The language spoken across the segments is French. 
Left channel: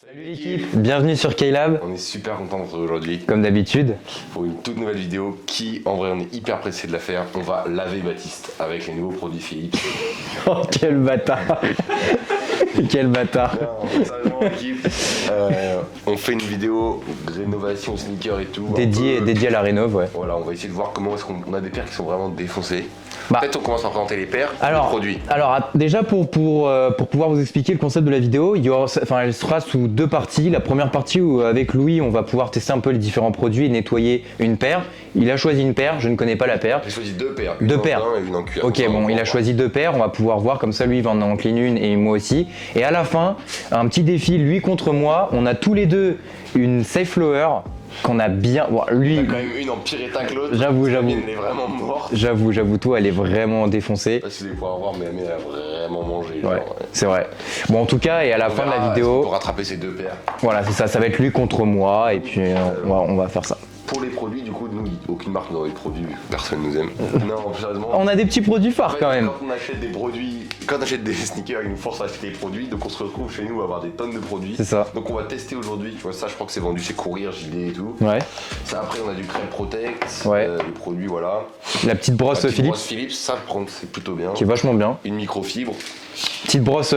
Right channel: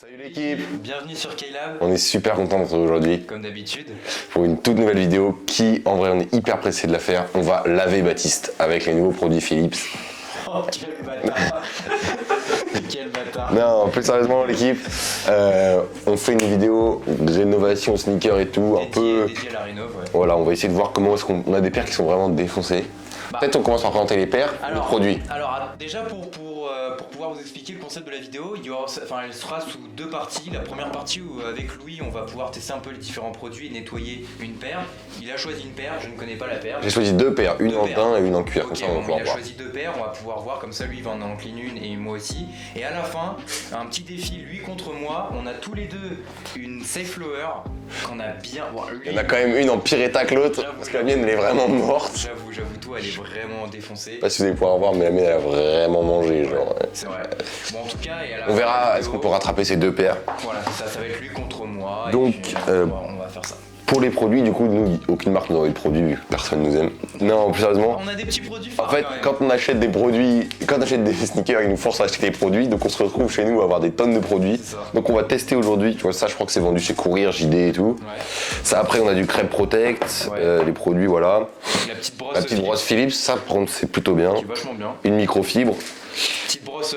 Salut l'équipe, bienvenue sur K-Lab. on est super content de vous retrouver aujourd'hui Comme d'habitude. pour une toute nouvelle vidéo qui, en vrai, on est hyper pressé de la faire. On va laver Baptiste avec les nouveaux produits Philips. Oh quel bâtard. Quel bâtard. Non, plus sérieusement l'équipe, on fait une vidéo de rénovation sneaker et tout. Dédié à la rénov, ouais. Voilà, on va essayer de voir comment est-ce qu'on a des paires qui sont vraiment défoncées. Peut-être on commence par présenter les paires, les produits. Alors déjà pour pouvoir vous expliquer le concept de la vidéo, elle sera sous deux parties. La première partie où avec Louis on va pouvoir tester un peu les différents produits et nettoyer une paire. Il a choisi une paire, je ne connais pas la paire. J'ai choisi deux paires, une en daim et une en cuir. Ok, bon, il a choisi deux paires, on va pouvoir voir comme ça, lui il va en clean une et moi aussi. Et à la fin, un petit défi, lui contre moi, on a tous les deux une safe flower qu'on a bien. Bon, lui, on a quand même une en pire état que l'autre. J'avoue. La mienne elle est vraiment morte. J'avoue, toi elle est vraiment défoncée. Je sais pas si vous allez pouvoir voir, mais la mienne elle a vraiment mangé. Ouais, genre. c'est vrai. Bon, en tout cas, et à la fin de la vidéo. Pour rattraper ces deux paires. Voilà, c'est ça, ça va être lui contre moi. Donc, et puis on va faire ça. Pour les produits, du coup, nous, aucune marque nous a des produits, vu que personne nous aime. Non, plus sérieusement. On a des petits produits phares En fait, quand même. quand on achète des produits, quand on achète des sneakers, ils nous forcent à acheter des produits, donc on se retrouve chez nous à avoir des tonnes de produits. C'est ça. Donc on va tester aujourd'hui, tu vois, ça je crois que c'est vendu chez Courir, JD et tout. Ouais. Ça après on a du Crêpe Protect, Ouais. les produits voilà. La petite brosse La petite Philips, brosse Philips, ça par contre c'est plutôt bien. qui est vachement bien. Une microfibre Petite brosse,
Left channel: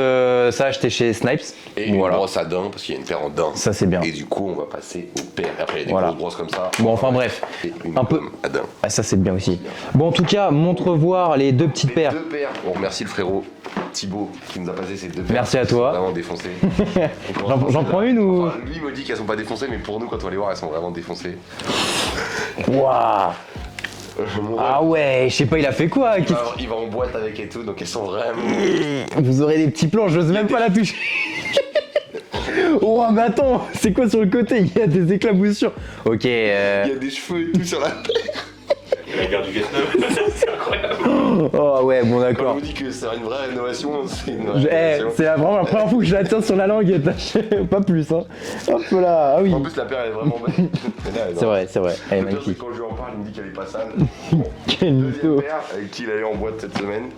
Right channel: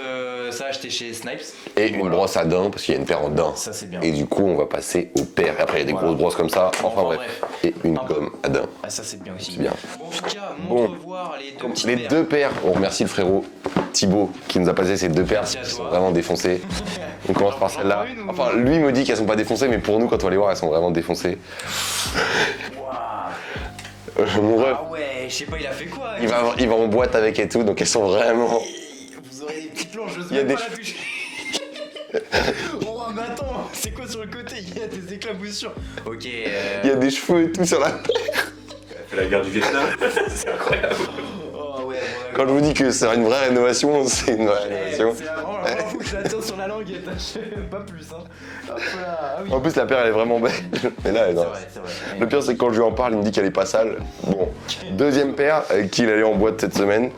ça acheté chez Snipes. et une Voilà. brosse à daim, parce qu'il y a une paire en daim. Ça c'est bien. Et du coup on va passer aux paires. Après il y a des Voilà. grosses brosses comme ça. Bon, enfin, bref. Et une Un peu- gomme à daim. Ah, ça c'est bien aussi. bien. Bon, en tout cas, montre Bon. voir les deux petites Les paires. deux paires, on remercie le frérot Thibaut qui nous a passé ces deux paires. Merci à Elles sont toi. vraiment défoncées. On commence par J'en celle-là. prends une ou- Enfin, lui me dit qu'elles sont pas défoncées, mais pour nous, quand on va les voir, elles sont vraiment défoncées. Waouh. Ah ouais, je sais pas, il a fait quoi. Il va en boîte avec et tout, donc elles sont vraiment. Vous aurez des petits plans, j'ose même des pas la toucher. Oh, mais attends, c'est quoi sur le côté? Il y a des éclaboussures. Ok. Il y a des cheveux et tout sur la. La guerre du Vietnam, c'est incroyable. Oh ouais, bon Quand je d'accord. vous dis que c'est une vraie rénovation, c'est une vraie rénovation. C'est vraiment la première fois que je la tiens sur la langue et pas plus. Hein. Hop là, ah oui. En plus, la paire elle est vraiment belle. Mais là, elle est C'est vrai, c'est vrai. Elle est Le pire, c'est magnifique. que quand je lui en parle, il me dit qu'elle est pas sale. Bon. Quel Deuxième mytho. paire avec qui il allait en boîte cette semaine.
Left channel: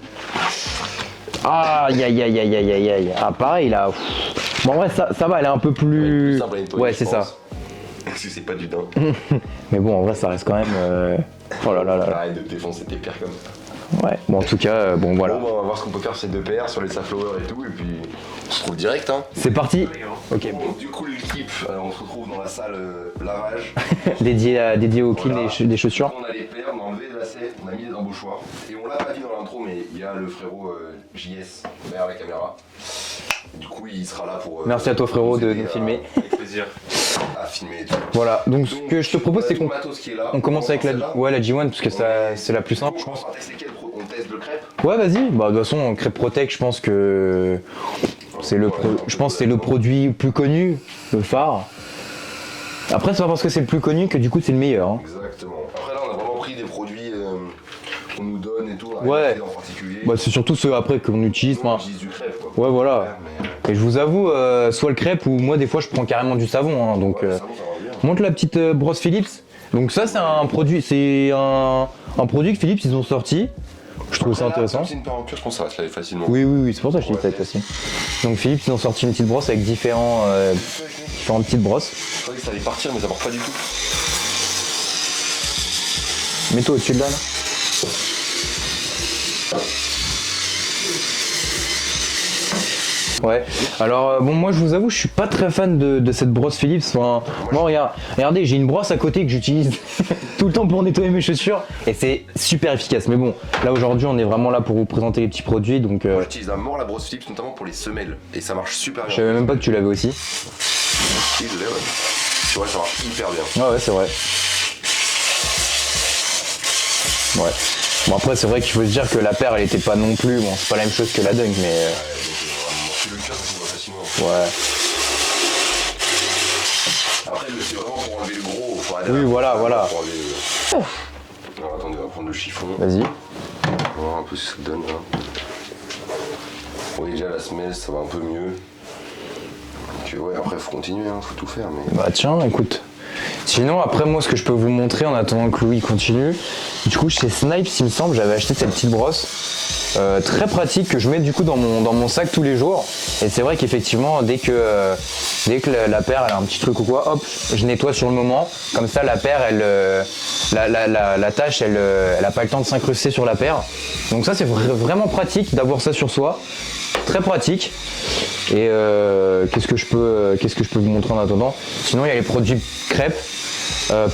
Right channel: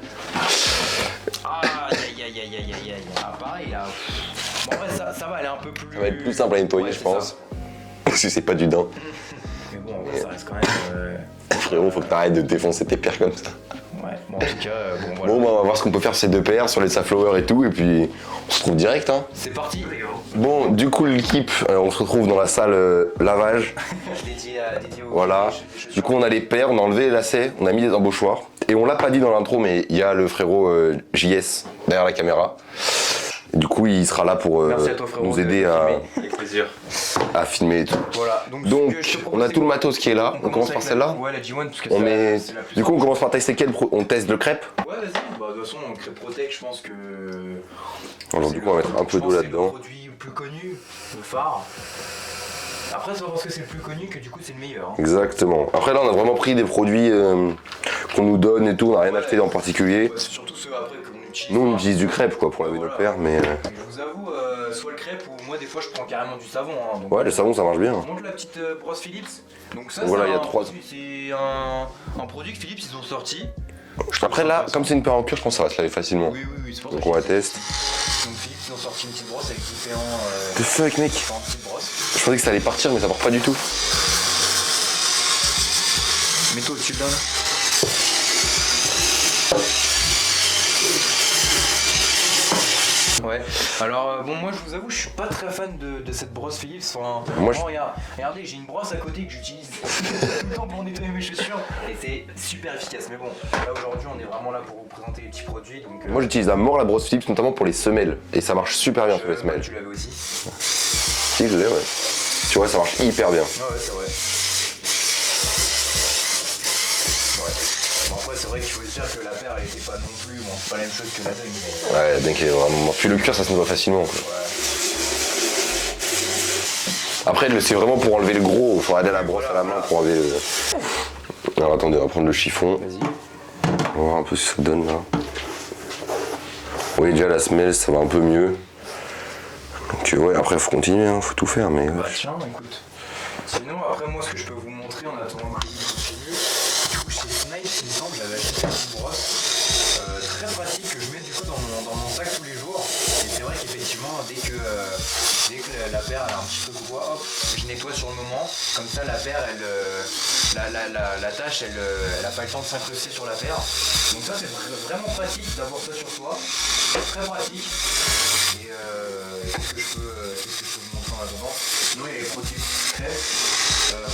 Aïe aïe aïe aïe aïe aïe aïe. Ah pareil là. Bon en vrai ça va, elle est un peu plus. Ça va être plus simple à nettoyer, Ouais, je c'est pense. ça. Parce que c'est pas du daim. Mais bon en vrai ça reste quand même. Oh là là là. Arrête de défoncer tes paires comme ça. Ouais. Bon en tout cas bon voilà. Bon, bah, on va voir ce qu'on peut faire ces deux paires sur les Saflower et tout, et puis on se retrouve direct. Hein. C'est parti. Bon, du coup, l'équipe, on se retrouve dans la salle lavage. dédié au clean Voilà. des chaussures. Du coup, on a les paires, on a enlevé les lacets, on a mis des embauchoirs. Et on l'a pas dit dans l'intro, mais il y a le frérot JS derrière la caméra. Du coup, il sera là pour Merci à toi frérot nous de aider filmer. Avec plaisir. à filmer et tout. Voilà. Donc, Donc, ce que je te on propose a c'est tout le qu'on matos qui est là. on commence avec par celle-là. la G1 parce que On c'est la plus Du coup, simple. on commence par tester quel On teste le crêpe. Ouais vas-y. Bah de toute façon Crêpe Protect je pense que c'est le On va mettre un peu je pense d'eau que c'est le là-dedans. produit plus connu, le phare. Après c'est pas parce que c'est le plus connu que du coup c'est le meilleur. Hein. Exactement. Après là, on a vraiment pris des produits qu'on nous donne et tout. On a rien Ouais. acheté en particulier. Bah, c'est surtout ceux après qu'on utilise. Nous, on Enfin, utilise du crêpe quoi pour Ouais, laver voilà. les paires, mais et je vous avoue, soit le crêpe ou moi des fois je prends carrément du savon. Hein, donc, ouais, le savon ça marche bien. montre la petite brosse Philips. Donc ça Voilà, il y a c'est un trois. produit, c'est un produit que Philips ils ont sorti. Je trouve Après ça là, intéressant. comme c'est une paire en cuir, je pense que ça va se laver facilement. Oui, c'est pour ça que je On fais va ça tester. aussi. Donc Philips ils ont sorti une petite brosse avec The fuck mec. différentes petites brosses. Je pensais que ça allait partir mais ça part pas du tout. Mets-toi au-dessus de là. Ouais, alors bon moi je vous avoue je suis pas très fan de cette brosse Philips. Enfin, Moi, bon, regardez j'ai une brosse à côté que j'utilise tout le temps pour nettoyer mes chaussures et c'est super efficace. Mais bon là aujourd'hui on est vraiment là pour vous présenter les petits produits donc Moi j'utilise à mort la brosse Philips notamment pour les semelles et ça marche super bien. je savais même pas que tu l'avais aussi. Si, je l'ai, ouais. Tu vois, ça marche hyper bien. Ouais c'est vrai. Ouais. Bon après c'est vrai qu'il faut se dire que la paire elle était pas non plus, bon c'est pas la même chose que la Dunk mais Ouais, donc vraiment. Puis le cuir ça s'en va facilement. ouais. Après c'est vraiment pour enlever le gros. Faut aller à la Oui, brosse, voilà, à la voilà. main pour enlever le... Alors attendez, on va prendre le chiffon. Vas-y. On va voir un peu ce que ça donne là. Oui déjà la semelle ça va un peu mieux. Donc ouais après faut continuer, hein, faut tout faire mais. Bah tiens, écoute. Sinon, après moi, ce que je peux vous montrer en attendant que Louis continue, du coup, chez Snipes, il me semble, j'avais acheté cette petite brosse très pratique que je mets du coup dans mon sac tous les jours. Et c'est vrai qu'effectivement, dès que Dès que la paire elle a un petit truc ou quoi, hop, je nettoie sur le moment. Comme ça la paire, la tâche, elle a pas le temps de s'incruster sur la paire. Donc ça c'est vraiment pratique d'avoir ça sur soi. Très pratique. Et qu'est-ce que je peux vous montrer en attendant? Sinon il y a les produits crêpes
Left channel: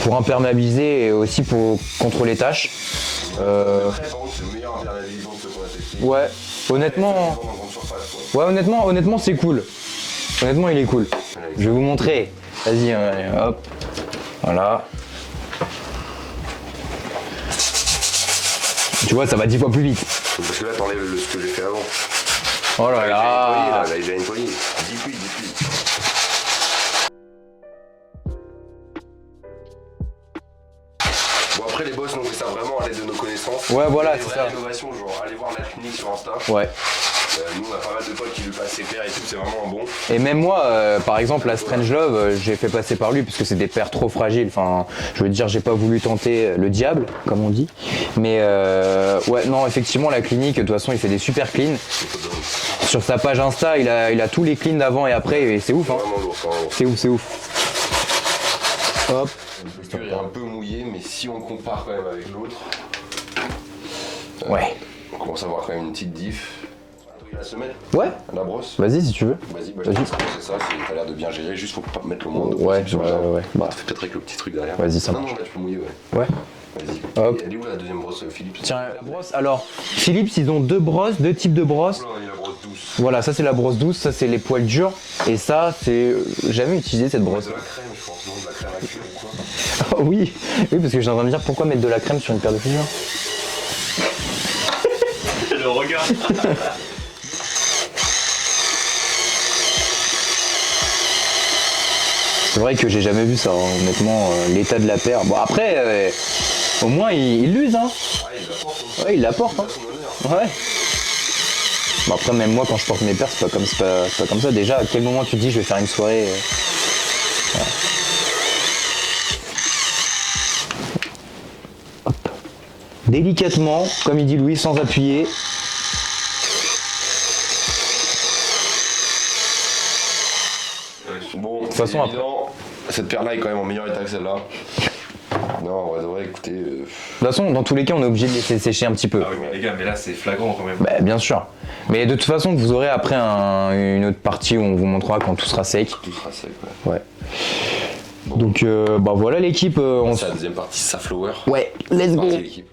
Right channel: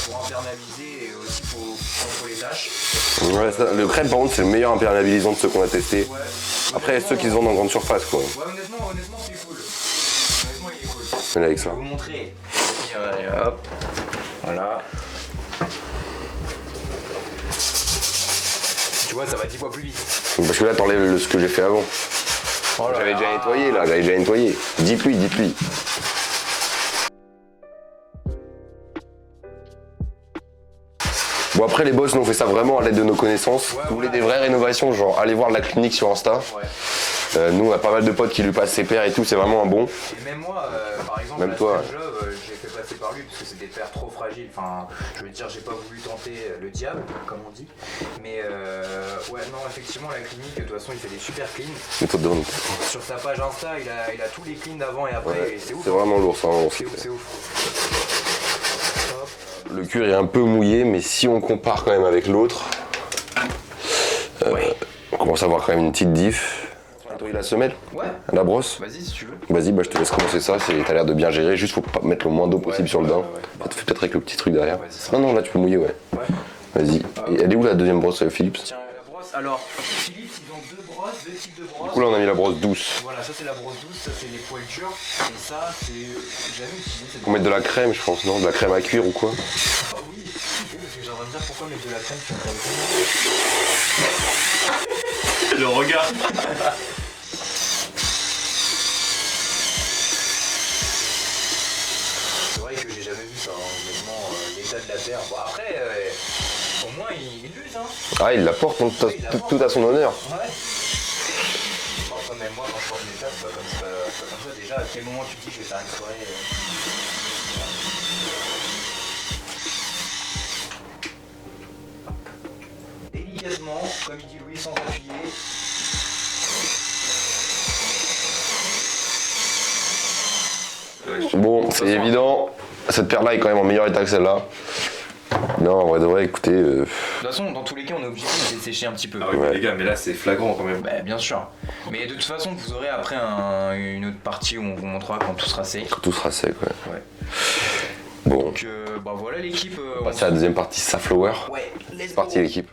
pour imperméabiliser et aussi pour contre les taches. Ouais, le crêpe par contre c'est le meilleur imperméabilisant de ceux qu'on a testé. Ouais, Après honnêtement. ceux qu'ils ont dans grande surface quoi. Ouais, honnêtement c'est cool. Honnêtement il est cool. Là, avec Je ça. vais vous montrer. Vas-y, hop. Voilà. Tu vois, ça va 10 fois plus vite. Parce que là t'enlèves ce que j'ai fait avant. Oh là J'avais là. déjà nettoyé là, j'avais déjà nettoyé. Dites-lui. Bon après les boss nous on fait ça vraiment à l'aide de nos connaissances. Ouais, On voilà, fait des c'est vraies ça. rénovations, genre allez voir la clinique sur Insta. Ouais. Nous on a pas mal de potes qui lui passent ses paires et tout, c'est vraiment un bon. Et même moi, par exemple, Même la toi. Strange Love, j'ai fait passer par lui parce que c'est des paires trop fragiles. Enfin, je veux dire, j'ai pas voulu tenter le diable, comme on dit. Mais ouais, non, effectivement, la clinique, de toute façon, il fait des super cleans. Il faut te donner. Sur sa page Insta, il a tous les cleans d'avant et après, et c'est ouf. C'est Hein. vraiment lourd, ça. C'est ouf. Hop. Le cuir est un peu mouillé, mais si on compare quand même avec l'autre, Ouais. on commence à avoir quand même une petite diff. Nettoyer la semelle, Ouais. la brosse. Vas-y si tu veux. Vas-y, bah, je te laisse commencer ça, t'as l'air de bien gérer, juste faut pas mettre le moins d'eau possible sur le ouais, dent. ouais. Bah, tu fais peut-être avec le petit truc derrière. Vas-y, ça Non, là tu peux mouiller, ouais. Ouais. Vas-y. Hop. Elle est où la deuxième brosse, Philippe? Tiens, la brosse. Alors, Philips, ils ont deux types de brosses. Là on a mis la brosse douce. Voilà, ça c'est la brosse douce, ça c'est les poils durs. Et ça, c'est. J'ai jamais utilisé cette On brosse. met de la crème, je pense, non? De la crème à cuire ou quoi? Oui, parce que j'ai en train de me dire pourquoi mettre de la crème sur une paire de fingers. Le regard. C'est vrai que j'ai jamais vu ça, hein, honnêtement, l'état de la paire. Bon après, au moins il l'use, hein. Ah, il la porte, donc Ouais, il la porte, tout hein. à son honneur. Ouais. Bon après même moi quand je porte mes paires, c'est pas comme ça. Déjà, à quel moment tu te dis je vais faire une soirée voilà. Hop. Délicatement, comme il dit Louis, sans appuyer. Bon, c'est façon, évident, cette paire-là est quand même en meilleur état que celle-là. Non, en vrai de vrai, écoutez, De toute façon, dans tous les cas, on est obligé de laisser sécher un petit peu. Ah oui, mais les gars, mais là c'est flagrant quand même. Bah, bien sûr. Mais de toute façon, vous aurez après une autre partie où on vous montrera quand tout sera sec. tout sera sec, ouais. Ouais. Bon. Donc, bah voilà l'équipe. On C'est la deuxième partie, Saflower. Ouais, let's go. Partie l'équipe.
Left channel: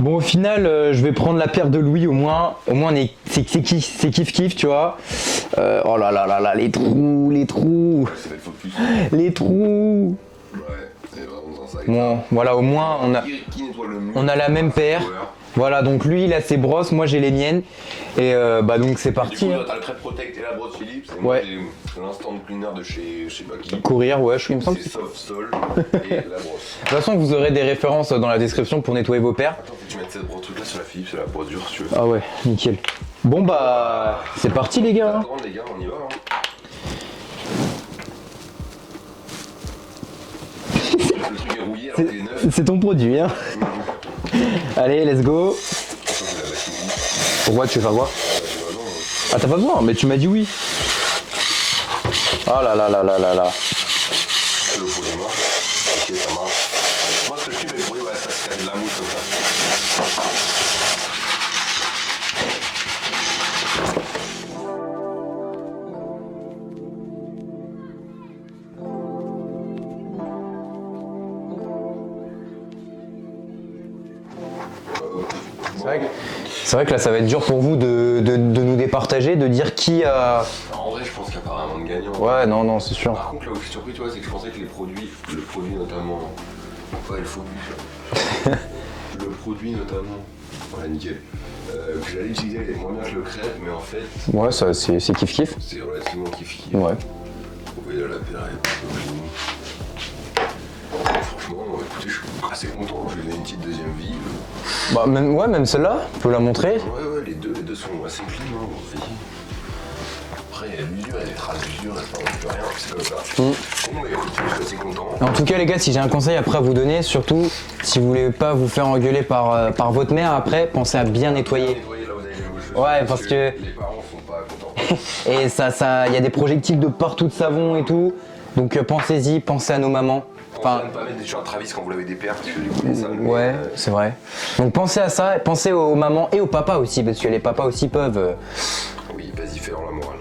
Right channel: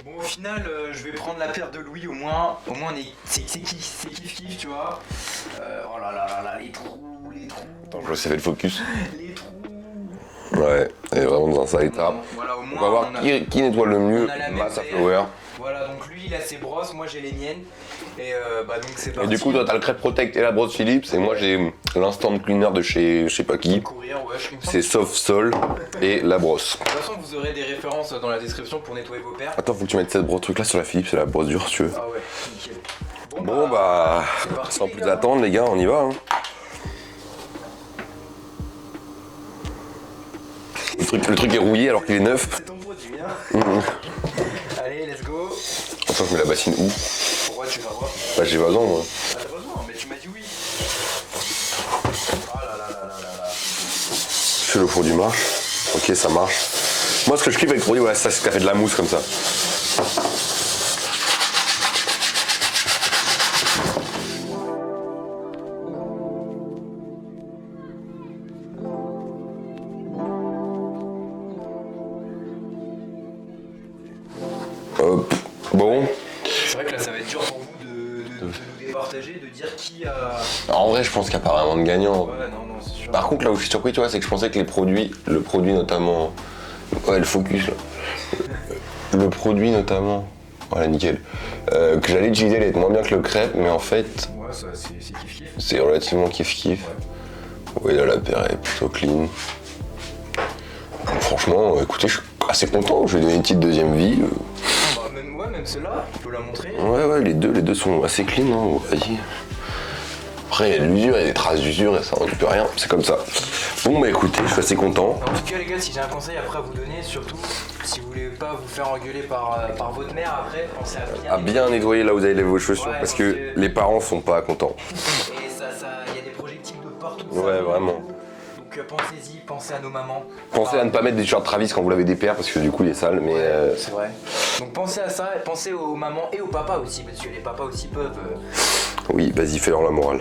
Bon, au final, je vais prendre la paire de Louis au moins. Au moins, c'est kiff, tu vois. Oh là là là là, les trous. Je sais fait le focus. Les trous. Ouais, elle est vraiment dans un sale état. Bon, voilà, au On va moins, voir on a. qui nettoie le mieux. On a la même Bah, paire. Saflower. Voilà, donc lui, il a ses brosses, moi j'ai les miennes. Et bah donc c'est Et parti. du coup, toi, t'as le Crêpe Protect et la brosse Philips, et moi Ouais. j'ai l'instant cleaner de chez je sais pas qui. Courir, ouais, je suis. C'est Soft Sol et la brosse. De toute façon, vous aurez des références dans la description pour nettoyer vos paires. Attends, faut que tu mettes cette brosse truc là sur la Philips, c'est la brosse dure si tu veux. Ah ouais, nickel. Bon bah, Bon, bah, c'est parti sans les plus gars. attendre les gars, on y va. Hein. Le truc est rouillé alors qu'il est neuf. C'est ton produit, hein. Allez, let's go. Attends, je mets la bassine où? Pourquoi tu veux faire quoi? Bah j'ai pas besoin moi. Ah t'as pas besoin, mais tu m'as dit oui. Oh là là là là là là. Que le produit marche. Ok, ça marche. Moi, ce que je kiffe avec le produit, ouais, ça, c'est que ça fait de la mousse comme ça. Hop. Bon. C'est vrai que là ça va être dur pour vous de nous départager, de dire qui a. En vrai, je pense qu'il n'y a pas vraiment de gagnant. Ouais, non, c'est sûr. Par contre, là où je suis surpris, tu vois, c'est que je pensais que le produit notamment. Ouais, le focus là. Le produit notamment. Voilà, nickel. Que j'allais utiliser, il est moins bien que le crêpe, mais en fait, Ouais, ça c'est kiff. c'est relativement kiff-kiff. Ouais. Oui, là, la paire est plutôt clean. Franchement, écoutez, je suis assez content. Je vais donner une petite deuxième vie. Bah même celle-là, tu peux la montrer. Ouais, les deux sont assez clean, hein. Vas-y. Après, il y a de l'usure, il y a des traces d'usure, et ça on ne peut rien, c'est comme ça. Bon, bah écoutez, je suis assez content. En tout cas, les gars, si j'ai un conseil après à vous donner, surtout si vous voulez pas vous faire engueuler par votre mère après, pensez à bien nettoyer. Bien nettoyer là où vous avez vos chaussures, Ouais, parce que les parents sont pas contents. Et il y a des projectiles de partout de savon vraiment. et tout. Donc pensez-y, pensez à nos mamans. Pensez à ne pas mettre des t-shirts Travis quand vous lavez des paires, parce que du coup, il est sale. Mais, Ouais, c'est vrai. Donc pensez à ça, pensez aux mamans et aux papas aussi, parce que les papas aussi peuvent. Oui, vas-y, fais-leur la morale.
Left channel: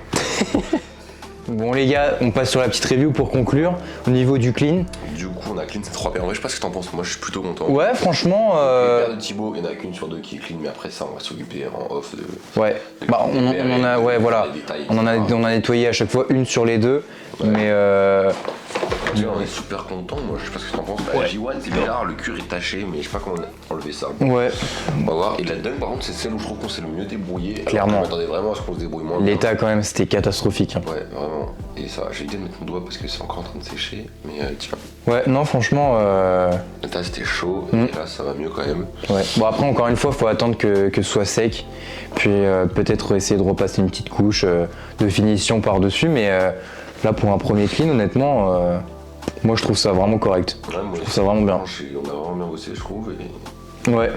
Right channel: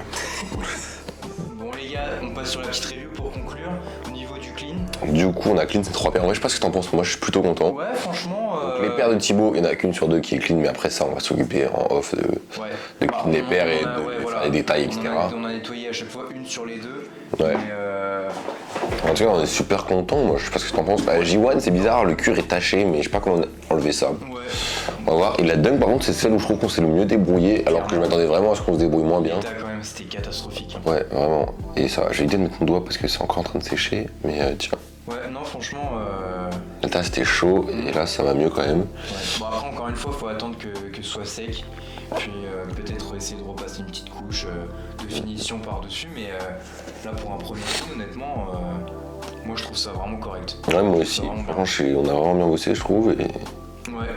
Bon les gars, on passe sur la petite review pour conclure. Au niveau du clean. Du coup, on a clean ces 3 paires. En vrai, je sais pas ce que t'en penses, moi je suis plutôt content. Ouais, franchement. Les paires de Thibaut, il n'y en a qu'une sur 2 qui est clean, mais après ça, on va s'occuper en off de. Ouais. de Bah, clean des paires et de voilà. faire les détails, On etc. a nettoyé à chaque fois une sur les deux. Ouais. Mais En tout cas, on est super content. Moi, je sais pas ce que t'en penses. Bah, J1, c'est bizarre, le cuir est taché, mais je sais pas comment enlever ça. ouais. On va voir. Et la Dunk, par contre, c'est celle où je trouve qu'on s'est le mieux débrouillé. Alors que Clairement. je m'attendais vraiment à ce qu'on se débrouille moins bien. L'état quand même c'était catastrophique. Ouais, vraiment. Et ça, j'ai évité de mettre mon doigt parce que c'est encore en train de sécher. Mais tiens, Ouais, non franchement. là c'était chaud. Et là, ça va mieux quand même. Ouais. Bon après encore une fois, faut attendre que ce soit sec. Puis peut-être essayer de repasser une petite couche de finition par-dessus. Mais là pour un premier clean, honnêtement, moi je trouve ça vraiment correct. Ouais, moi aussi. C'est vraiment bien. On a vraiment bien bossé, je trouve. Et Ouais.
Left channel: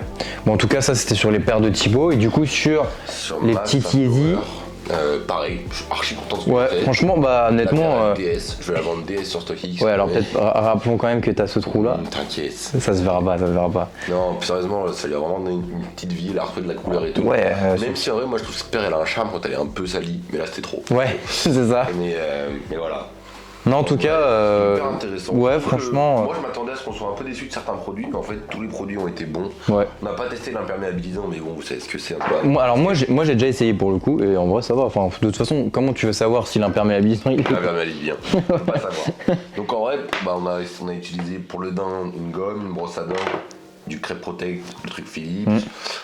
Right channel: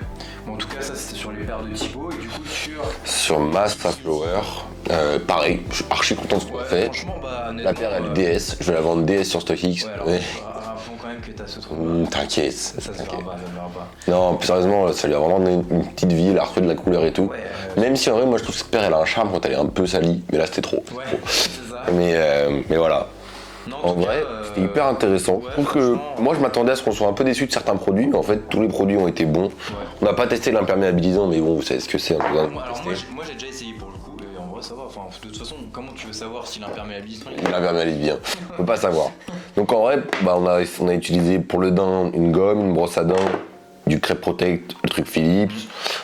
Bon en tout cas ça c'était sur les paires de Thibaut. Et du coup sur sur les ma petits Fast Yeezy. Power, pareil, je suis archi content de ce qu'on Ouais, a fait. franchement bah La honnêtement. paire à DS, je vais la vendre DS sur StockX. Ouais alors peut-être rappelons quand même que t'as ce trou là. T'inquiète. Ça se verra pas, ça se verra pas. Non, sérieusement, ça lui a vraiment donné une petite vie, elle a retrouvé de la couleur et tout. Ouais, Même si en vrai, moi je trouve que cette paire elle a un charme quand elle est un peu salie, mais là c'était trop. Ouais, c'est ça. Mais voilà. Non en tout En vrai, cas. c'était hyper intéressant. Ouais Je trouve que franchement. moi je m'attendais à ce qu'on soit un peu déçu de certains produits, mais en fait tous les produits ont été bons. Ouais. On n'a pas testé l'imperméabilisant, mais bon, vous savez ce que c'est. Moi j'ai déjà essayé pour le coup et en vrai ça va. Enfin de toute façon comment tu veux savoir si l'imperméabilisant il L'imperméabilise bien, on peut pas savoir. Donc en vrai, bah, on a utilisé pour le daim une gomme, une brosse à dents, du Crêpe Protect, le truc Philips.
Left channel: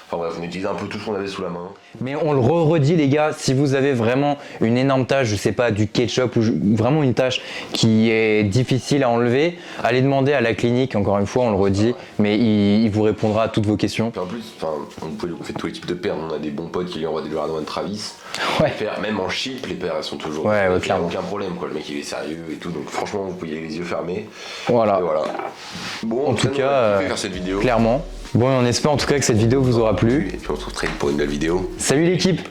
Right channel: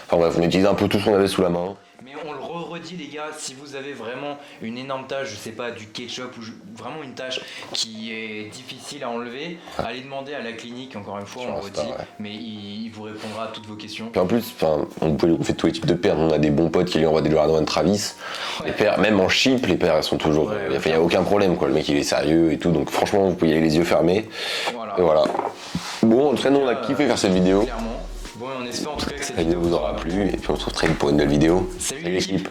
Enfin bref, on a utilisé un peu tout ce qu'on avait sous la main. Mais on le redit les gars, si vous avez vraiment une énorme tache, je sais pas, du ketchup ou vraiment une tache qui est difficile à enlever, allez demander à la clinique, encore une fois on le redit, mais il vous répondra à toutes vos questions. Puis en plus, on fait tous les types de paires. On a des bons potes qui lui envoient des Jordan Travis. Ouais. Les paires, même en chip, les paires elles sont toujours. Ouais, il n'y a clairement. aucun problème quoi. Le mec il est sérieux et tout. Donc franchement, vous pouvez y aller les yeux fermés. Voilà. Et voilà. Bon, en tout cas, nous on cas, a kiffé faire cette vidéo. Clairement. Bon on espère en tout cas que cette vidéo vous aura plu. Et puis on se retrouve très vite pour une nouvelle vidéo. Salut l'équipe.